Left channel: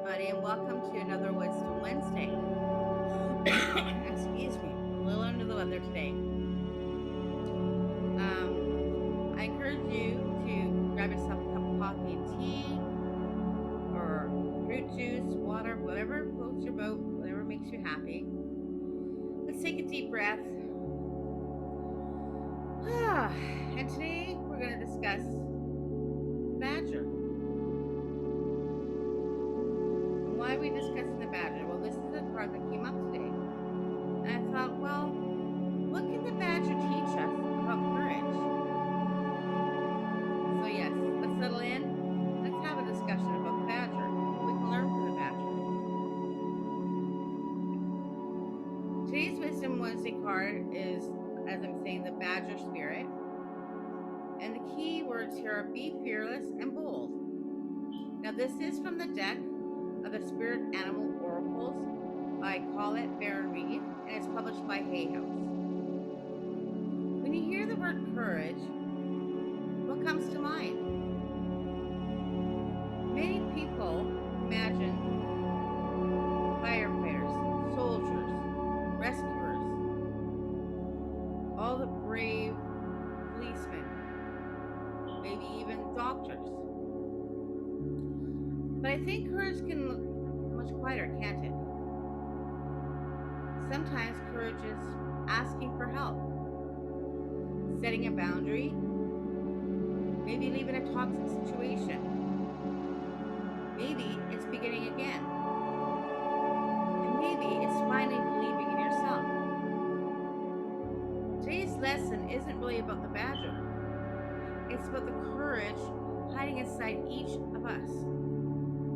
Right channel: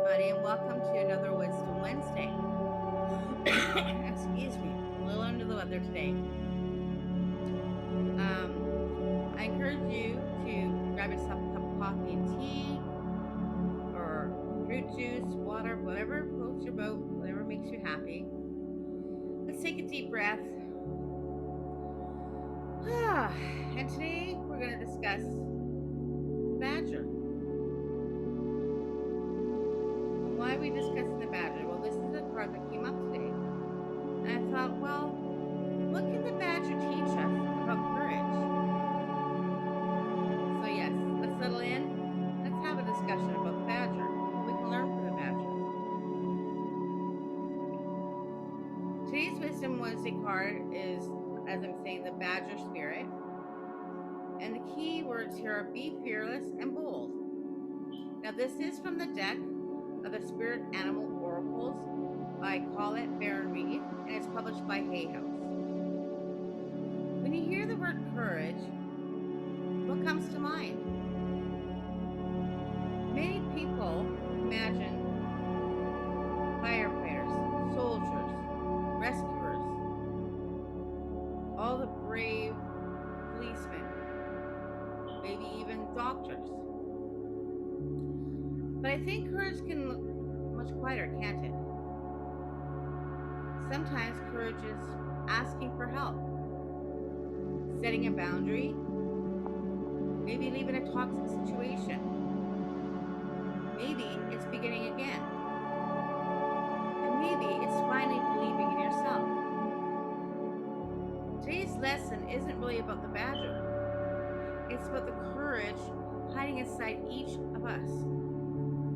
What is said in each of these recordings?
everybody, and welcome to another Wisdom Wednesday. Excuse me, a little under the weather today. I encourage you to grab yourself a cup of coffee and tea, or fruit juice, water, whatever floats your boat, whatever makes you happy. Let's take a deep breath. And today we're going to discuss the badger. And why are we discussing the badger? Well, this is a card that came up today. And I thought, well, what can the badger teach us about courage? So yes, let's settle in. Let's have a discussion about the badger, what we can learn from the badger. Today's Wisdom Wednesday card is, as I'm saying, the badger spirit. And the key words here are be fearless and bold. Now this is from the deck of the Spirit Animal Oracles by Colette Baron-Reid, and it's published by Hay House. When you hear the word courage, what comes to mind? Many people imagine firefighters, soldiers, rescuers, all the brave policemen, maybe even doctors. But I think courage can look much quieter, can't it? Sometimes courage is asking for help, setting a boundary, maybe leaving a toxic situation. Maybe it's beginning again. And maybe it's finally believing in yourself. Today's lesson isn't really about the badger. It's about the courage hiding inside each of us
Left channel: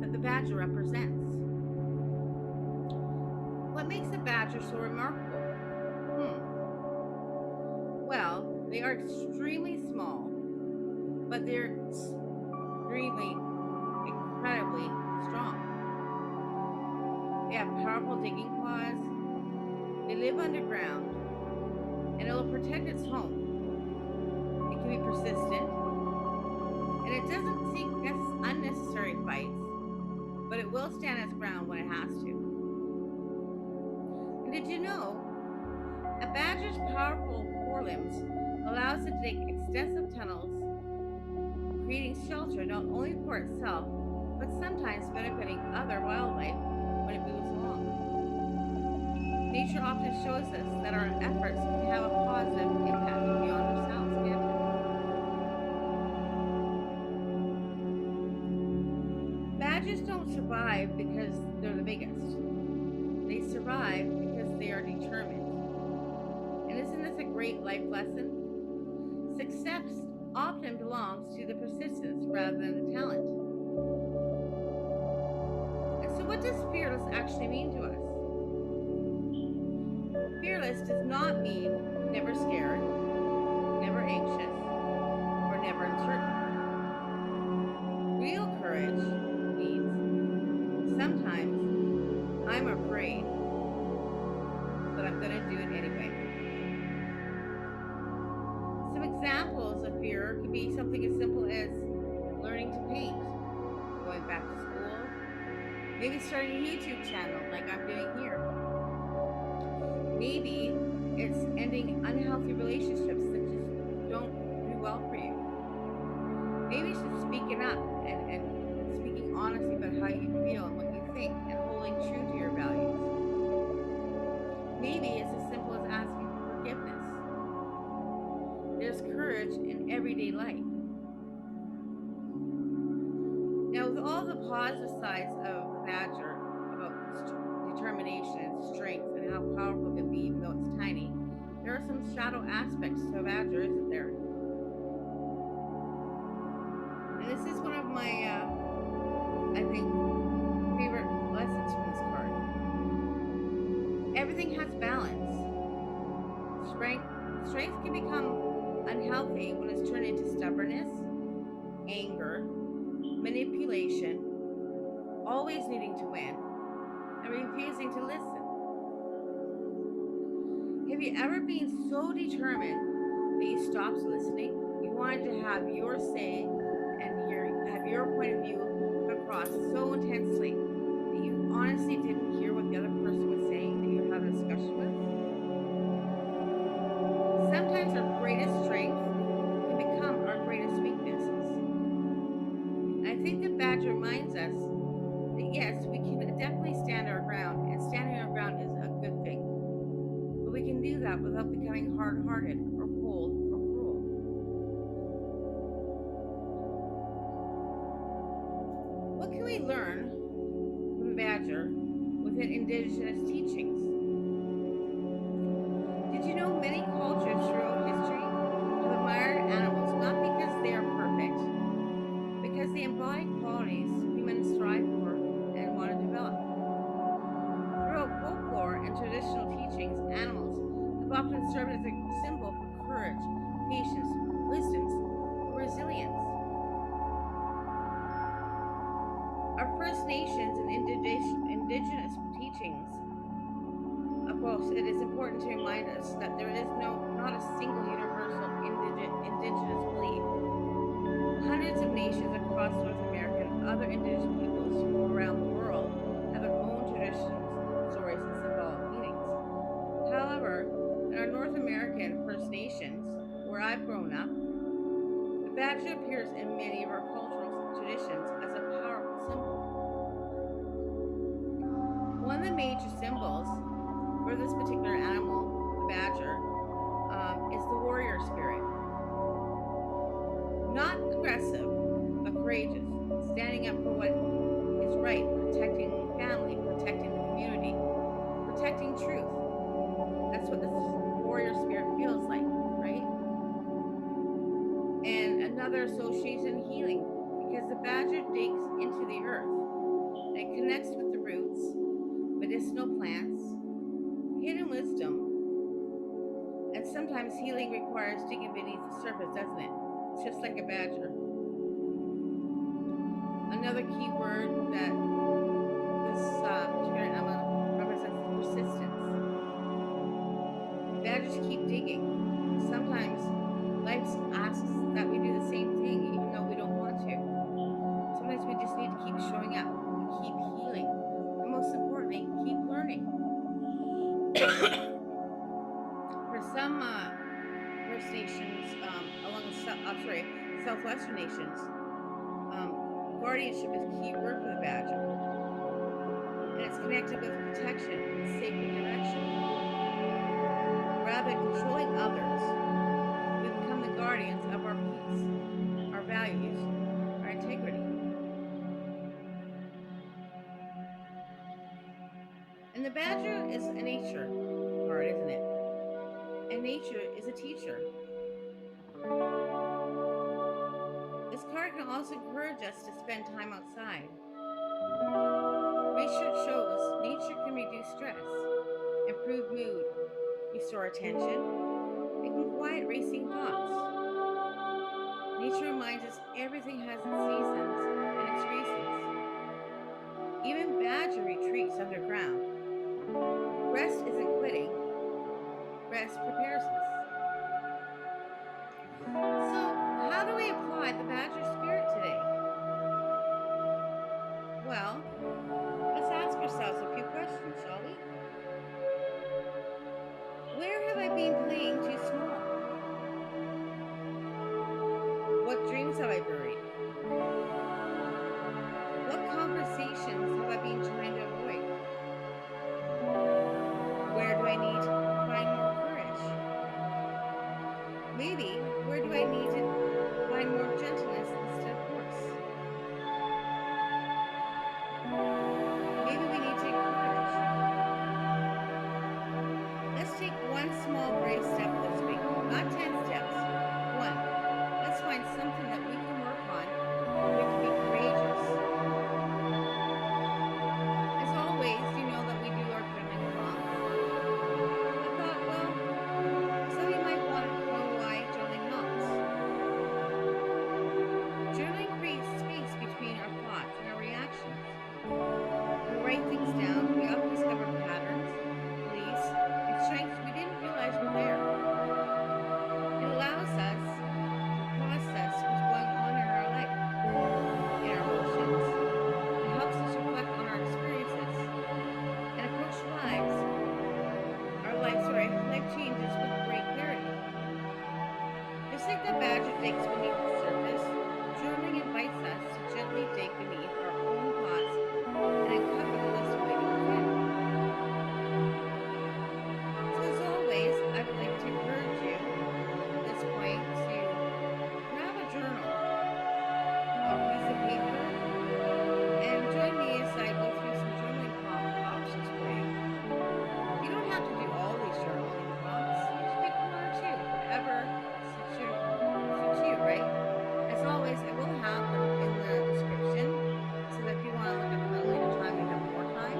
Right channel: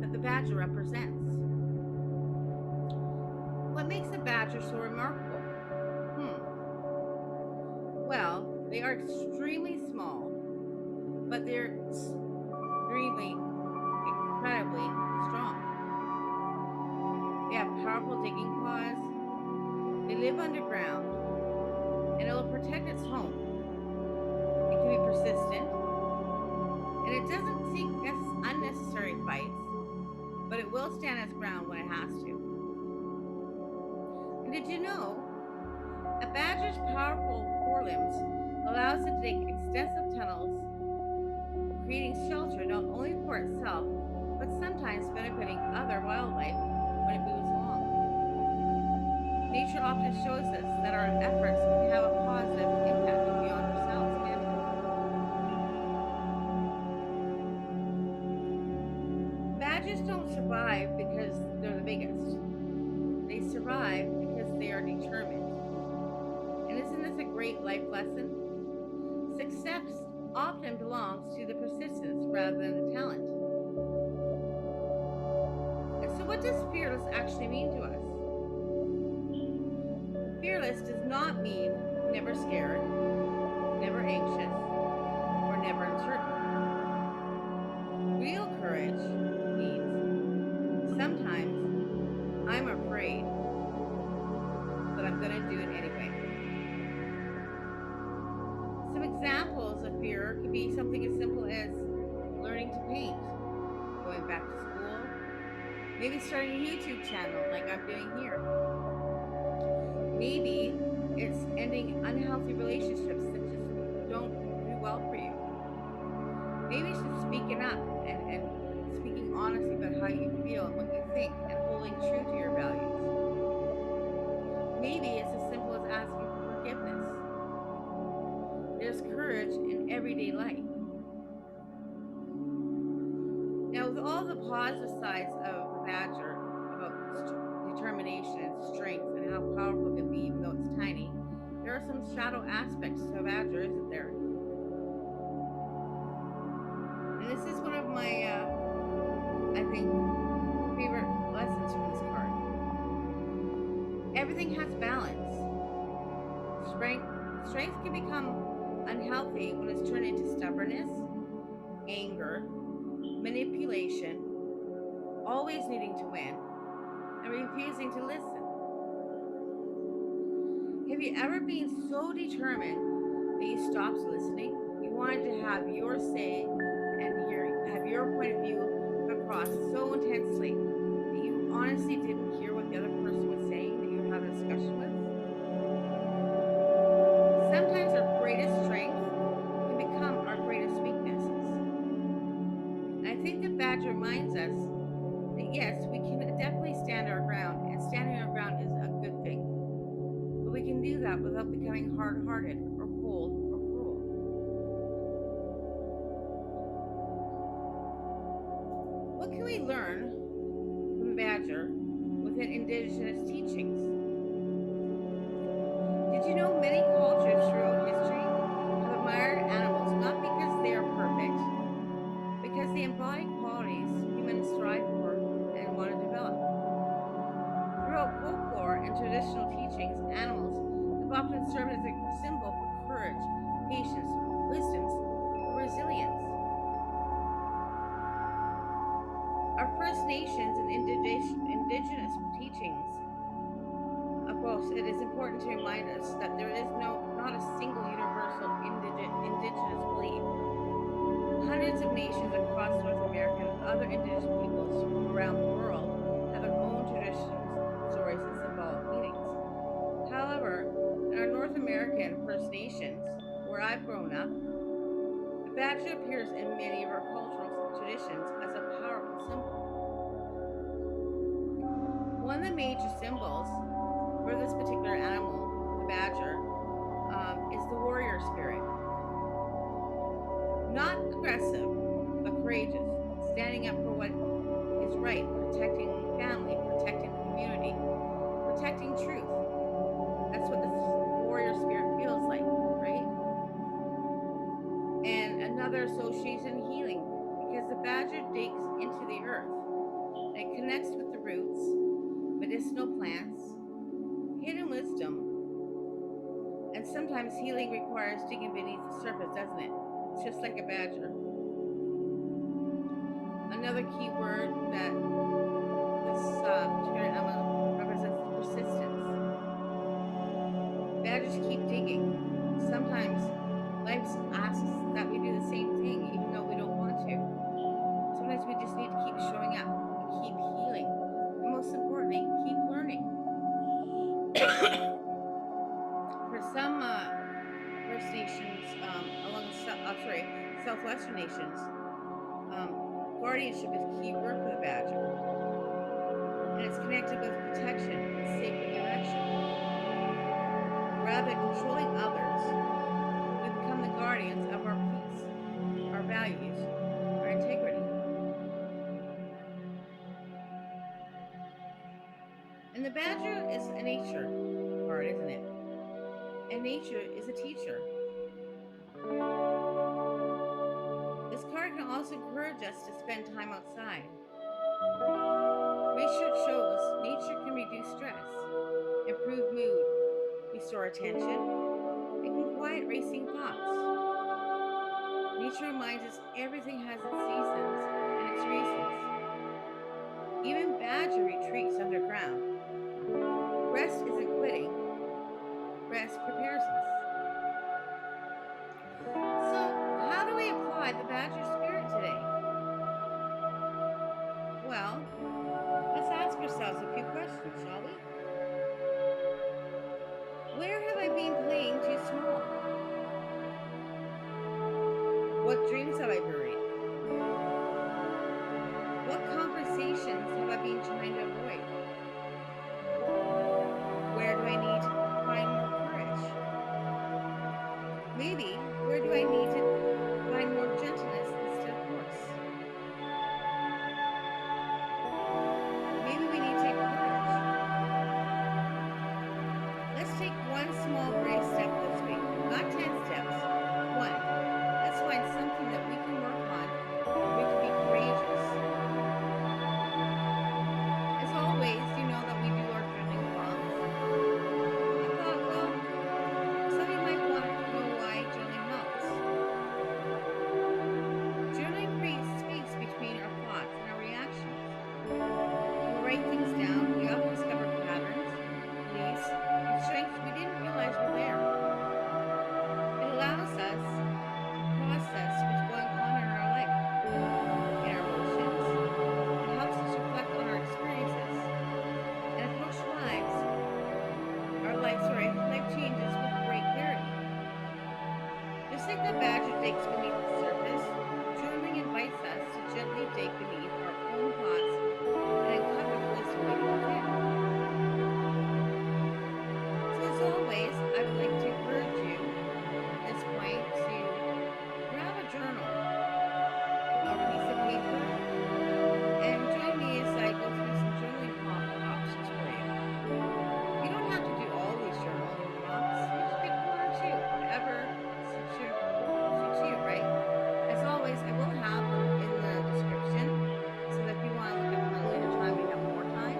that the badger represents. What makes a badger so remarkable? Well, they are extremely small, but they're incredibly strong. They have powerful digging claws. They live underground, and it will protect its home. It can be persistent, and it doesn't seek unnecessary fights, but it will stand its ground when it has to. And did you know a badger's powerful forelimbs allows it to dig extensive tunnels, creating shelter not only for itself, but sometimes benefiting other wildlife when it moves along. Nature often shows us that our efforts can have a positive impact beyond ourselves, can't it? Badgers don't survive because they're the biggest. They survive because they are determined. And isn't this a great life lesson? Success often belongs to the persistence rather than the talent. And so what does fearless actually mean to us? Fearless does not mean never scared, never anxious, or never uncertain. Real courage means sometimes I'm afraid, but I'm going to do it anyway. Some examples of fear could be something as simple as learning to paint, going back to school, maybe starting a YouTube channel like I'm doing here. Maybe it's ending unhealthy relationships that just don't do well for you. Maybe it's just speaking up and speaking honestly about how you feel and what you think and holding true to your values. Maybe it's as simple as asking for forgiveness. There's courage in everyday life. Now, with all the positive sides of the badger, about determination and strength and how powerful it can be even though it's tiny, there are some shadow aspects to a badger, isn't there? And this is one of my, I think, favorite lessons from this card. Everything has balance. Strength can become unhealthy when it's turned into stubbornness, anger, manipulation, always needing to win, and refusing to listen. Have you ever been so determined that you stopped listening? You wanted to have your say and have your point of view across so intensely honestly didn't hear what the other person was saying that you had a discussion with? Sometimes our greatest strength can become our greatest weaknesses. And I think the badger reminds us that yes, we can definitely stand our ground, and standing our ground is a good thing. But we can do that without becoming hard hearted or cold or cruel. What can we learn from the badger within indigenous teachings? Did you know many cultures throughout history have admired animals not because they are perfect, because they embody qualities humans strive for and want to develop? Throughout folklore and traditional teachings, animals have often served as a symbol for courage, patience, wisdom, or resilience. Our First Nations and indigenous teachings, of course, it is important to remind us that there is not a single universal indigenous belief. Hundreds of nations across North America and other indigenous peoples from around the world have their own traditions, stories, and symbolic meanings. However, in our North American First Nations, where I've grown up, the badger appears in many of our cultural traditions as a powerful symbol. One of the major symbols for this particular animal, the badger, is the warrior spirit. Not aggressive, but courageous, standing up for what is right, protecting family, protecting the community, protecting truth. That's what this warrior spirit feels like, right? And another association, healing, because the badger digs into the earth. It connects with the roots, medicinal plants, hidden wisdom, and sometimes healing requires digging beneath the surface, doesn't it? It's just like a badger. Another key word that this particular animal represents is persistence. Badgers keep digging. Sometimes life asks that we do the same thing, even though we don't want to. Sometimes we just need to keep showing up and keep healing. And most importantly, keep learning. For some First Nations along the Southwestern nations, guardianship is a key word for the badger, and it's connected with protection and sacred direction. Rather than controlling others, we become the guardians of our peace, our values, our integrity. And the badger is a nature card, isn't it? And nature is a teacher. This card can also encourage us to spend time outside. Research shows nature can reduce stress, improve mood, restore attention, it can quiet racing thoughts. Nature reminds us everything has its seasons and its reasons. Even badger retreats underground. Rest isn't quitting, rest prepares us. So, how do we apply the badger spirit today? Well, let's ask ourselves a few questions, shall we? Where have I been playing too small? What dreams have I buried? What conversations have I been trying to avoid? Where do I need to find more courage? Maybe, where do I need to find more gentleness instead of force? Maybe we need to take courage. Let's take one small brave step this week. Not 10 steps. One. Let's find something that we can work on. We can be courageous. As always, you know that we do our journaling prompts. I thought, well, some of you might want to know why journaling helps. Journaling creates space between our thoughts and our reactions. When we write things down, we often discover patterns, beliefs, and strengths we didn't realize were there. It allows us to process what's going on in our life, in our emotions, and helps us reflect on our experiences. paper and join me as I go through some journaling options for you. You don't have to do all these journaling prompts. You just pick one or two, whatever suits you, right? As always, I will have them in the description so that if you want to look at them at a later time, we have more time.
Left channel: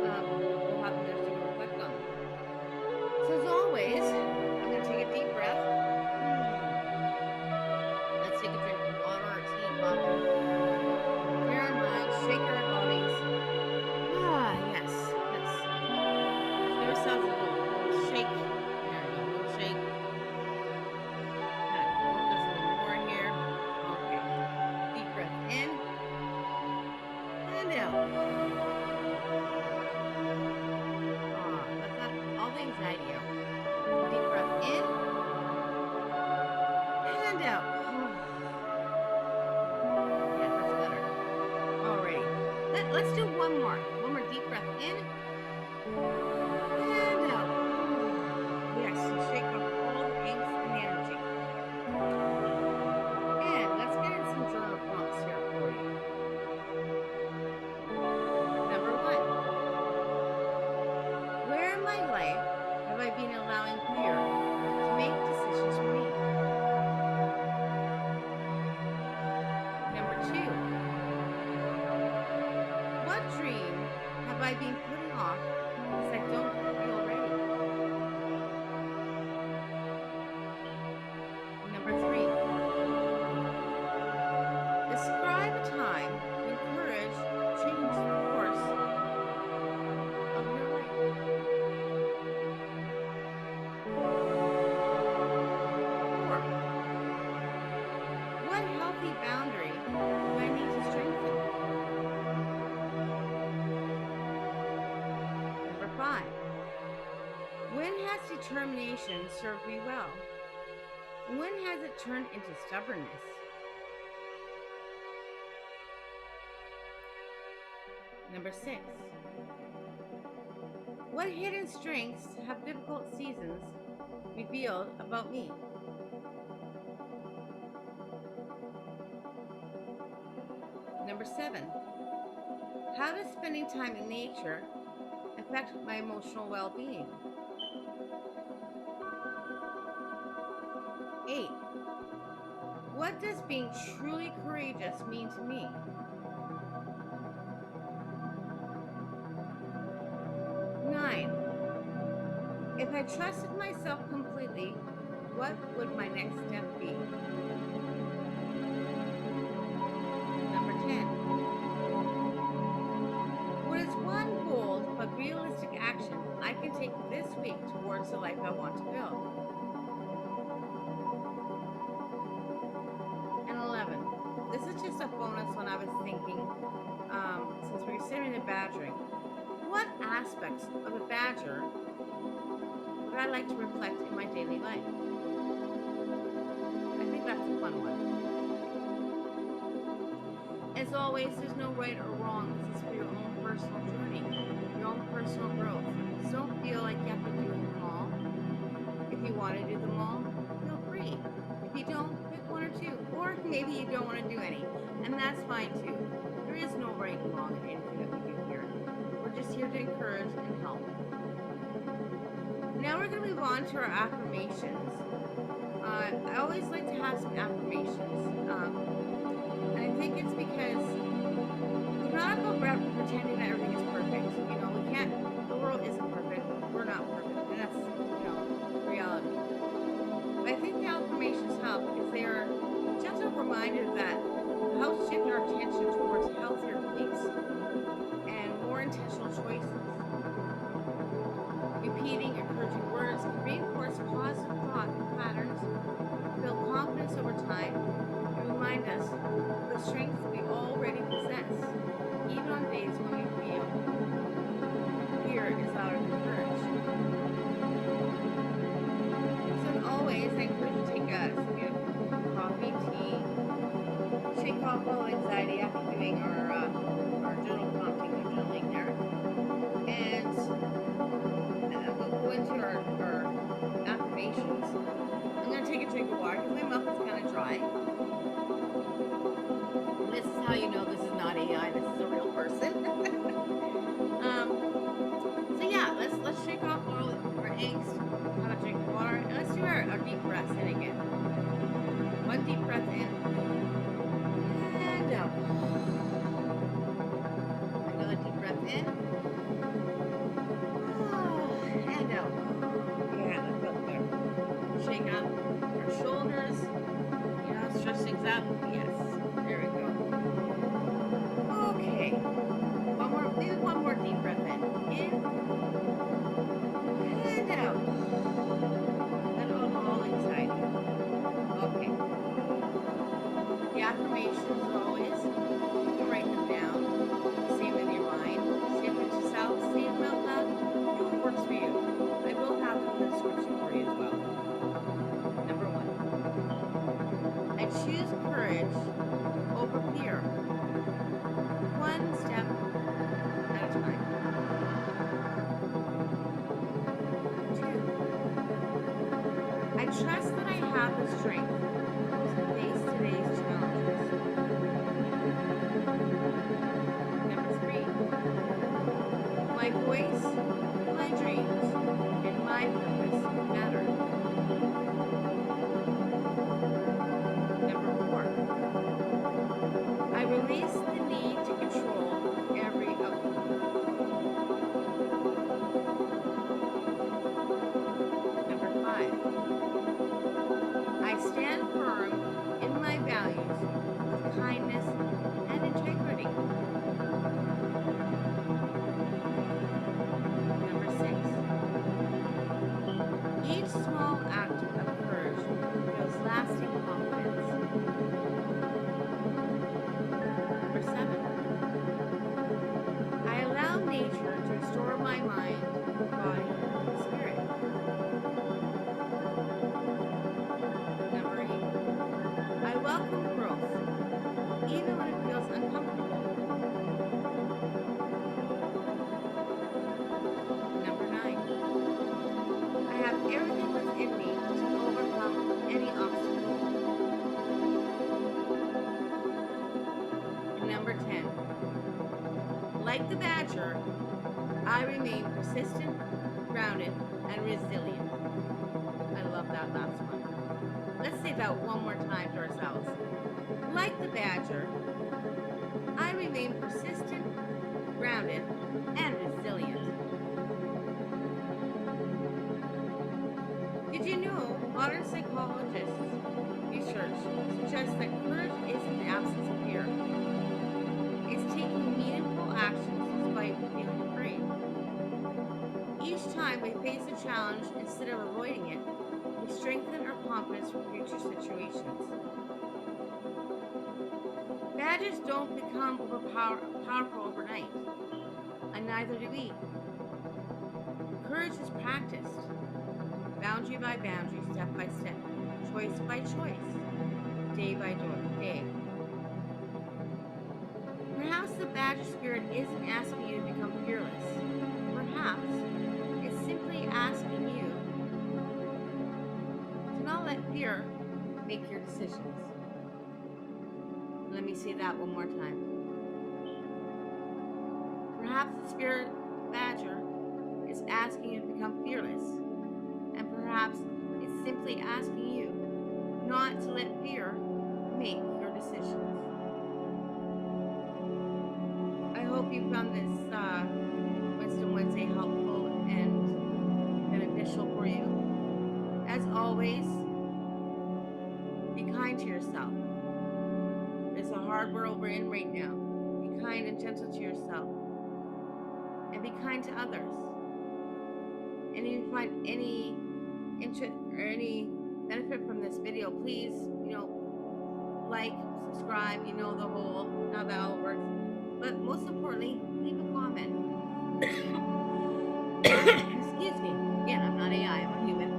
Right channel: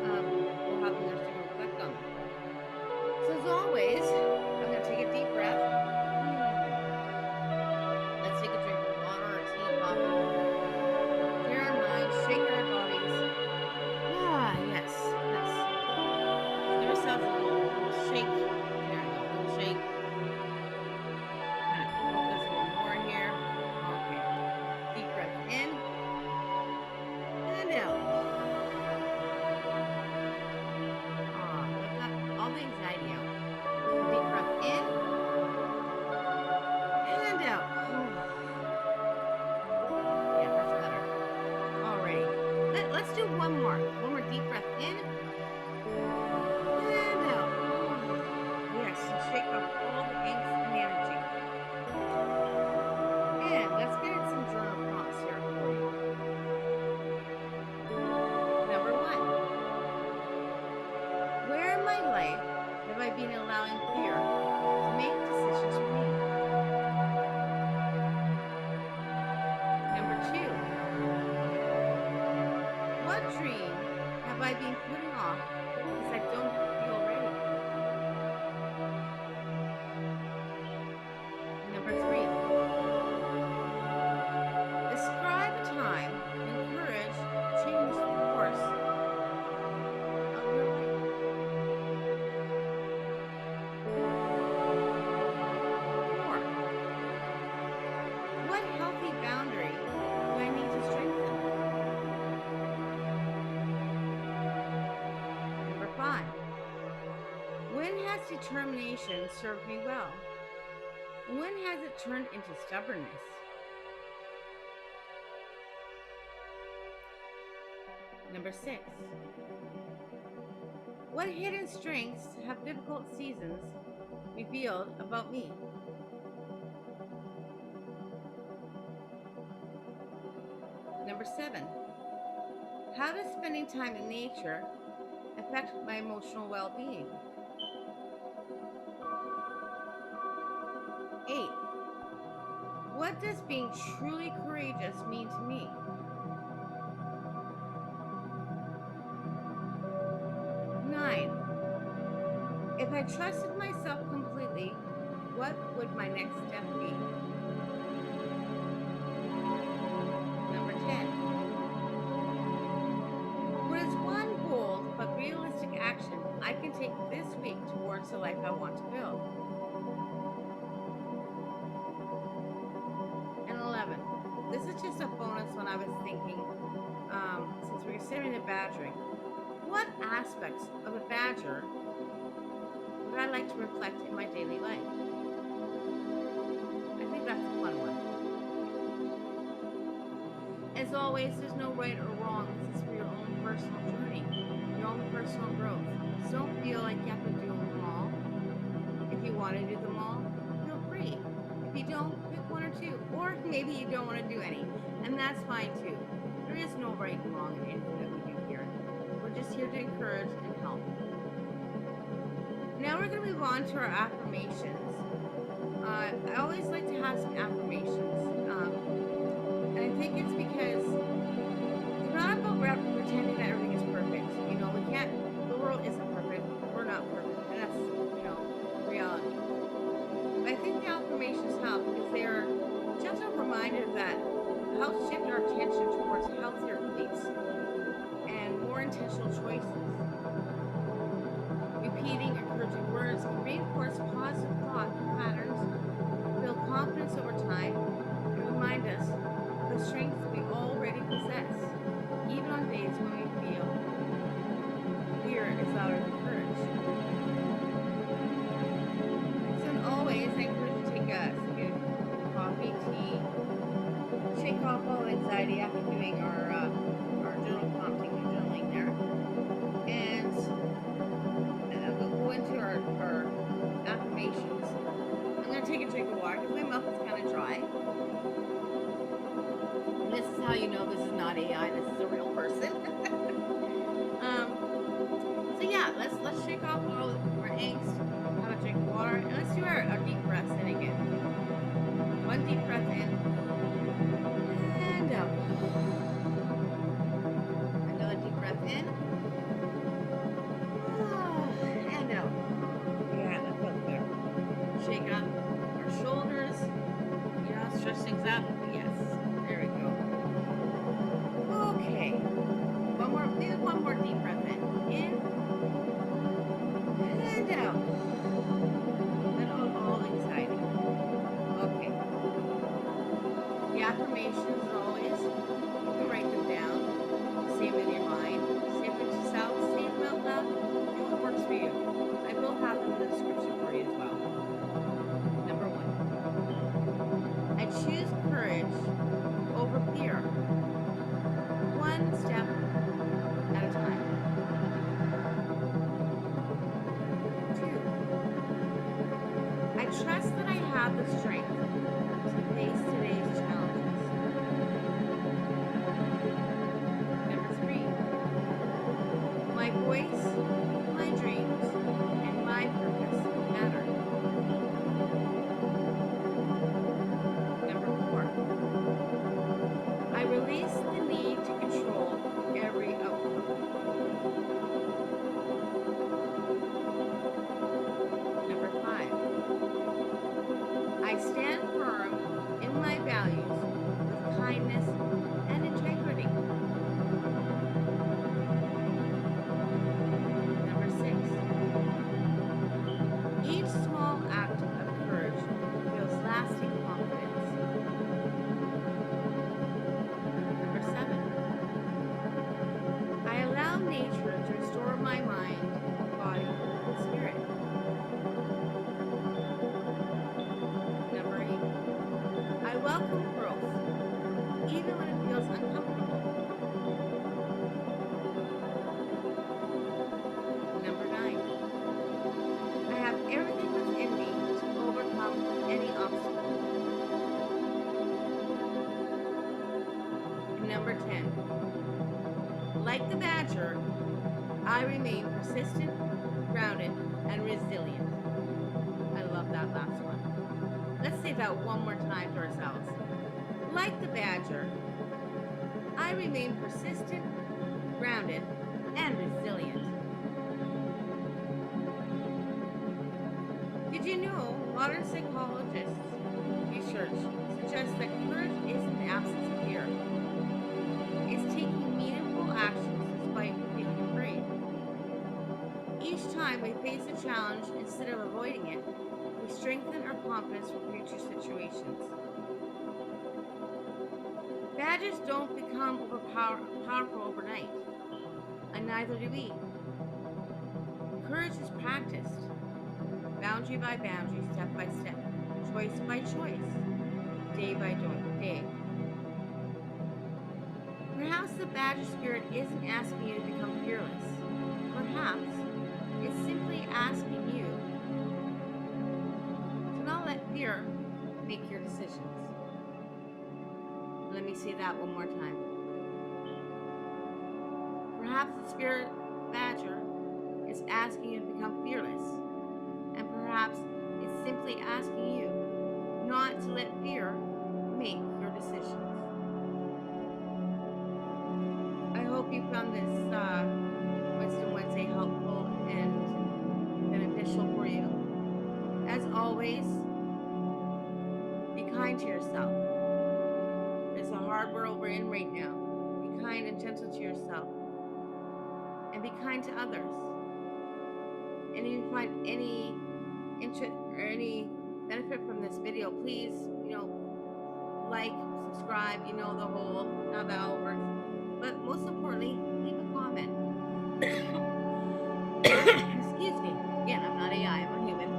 We'll have them there so you can reflect on them. So as always, I'm going to take a deep breath. Let's take a drink of water or tea, coffee. Clear our minds, shake our bodies. Yes. Let's give ourselves a little shake. There we go, a little shake. Kind of focus a little more here. Okay. Deep breath in and out. Let that all the anxiety out. Deep breath in and out. Yeah, that's better. Alrighty. Let's do one more. One more deep breath in and out. Yes, so shake off all the angst and energy. And let's get in some journal prompts here for you. Number 1. Where in my life have I been allowing fear to make decisions for me? Number 2. What dream have I been putting off because I don't feel ready? Number 3. Describe a time when courage changed the course of your life. 4. What healthy boundary do I need to strengthen? Number 5. When has determination served me well? When has it turned into stubbornness? Number 6. What hidden strengths have difficult seasons revealed about me? Number 7. How does spending time in nature affect my emotional well-being? 8. What does being truly courageous mean to me? 9. If I trusted myself completely, what would my next step be? Number 10. What is one bold but realistic action I can take this week towards the life I want to build? And 11. This is just a bonus when I was thinking, since we're considering the badgering, what aspects of a badger would I like to reflect in my daily life? I think that's a fun one. As always, there's no right or wrong. This is for your own personal journey, your own personal growth. So don't feel like you have to do them all. If you want to do them all, feel free. If you don't, pick one or two. Or maybe you don't want to do any. And that's fine too. There is no right and wrong in anything that we do here. We're just here to encourage and help. Now we're going to move on to our affirmations. I always like to have some affirmations. And I think it's because it's not about pretending that everything is perfect. You know, we can't, the world isn't perfect. We're not perfect. And that's, reality. But I think the affirmations help because they are just a reminder that help shift our attention towards healthier beliefs and more intentional choices. Repeating encouraging words can reinforce positive thought patterns, build confidence over time, and remind us of the strengths we already possess, even on days when we feel fear is louder than courage. So always, I encourage you to take a sip of coffee, tea, shake off all anxiety after doing our journal prompting and journaling there, and we'll go into our affirmations. I'm going to take a drink of water because my mouth is kind of dry. And this is how you know this is not AI. This is a real person. So yeah, let's shake off all our angst. Have a drink of water, and let's do our deep breaths in again. One deep breath in and out. Another deep breath in and out. Yeah, that feels better. Shake up our shoulders. You know, stretch things up. Yes, there we go. Okay, maybe one more deep breath in and out. Let out all anxiety. Okay. The affirmations, as always, you can write them down, say them in your mind, say them to yourself, say them out loud, do what works for you. I will have them in the description for you as well. Number 1, I choose courage over fear, one step at a time. 2, I trust that I have the strength to face today's challenges. Number 3, my voice, my dreams, and my purpose matter. Number 4, I release the need to control every outcome. Number 5, I stand firm in my values with kindness and integrity. Number 6, each small act of courage builds lasting confidence. Number 7, I allow nature to restore my mind, body, and spirit. Number 8, I welcome growth, even when it feels uncomfortable. Number 9, I have everything within me to overcome any obstacle. And number 10, like the badger, I remain persistent, grounded, and resilient. I love that last one. Let's say that one more time to ourselves. Like the badger, I remain persistent, grounded, and resilient. Did you know modern psychologists' research suggests that courage isn't the absence of fear? It's taking meaningful actions despite feeling afraid. Each time we face a challenge, instead of avoiding it, we strengthen our confidence for future situations. Badgers don't become powerful overnight, and neither do we. Courage is practiced, boundary by boundary, step by step, choice by choice, day by day. Perhaps the badger spirit isn't asking you to become fearless. Perhaps it's simply asking you to not let fear make your decisions. Let me say that one more time. Perhaps the spirit badger is asking you to become fearless, and perhaps it's simply asking you not to let fear make your decisions. I hope you found this Wisdom Wednesday helpful and beneficial for you. As always, be kind to yourself. It's a hard world we're in right now. Be kind and gentle to yourself. And be kind to others. And if you find any interest or any benefit from this video, please, like, subscribe, the whole, how that all works. But most importantly, leave a comment. Excuse me. Again, I'm not AI, I'm a human.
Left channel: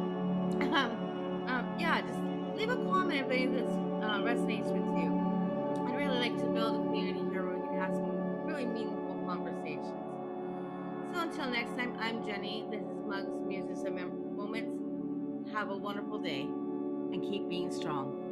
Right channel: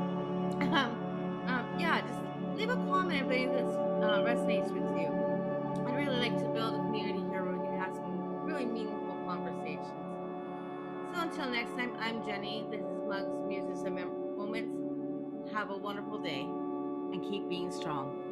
Yeah, just leave a comment if any of this resonates with you. I'd really like to build a community here where we can have some really meaningful conversations. So until next time, I'm Jenny. This is Mugs, Muses, and Moments. Have a wonderful day and keep being strong.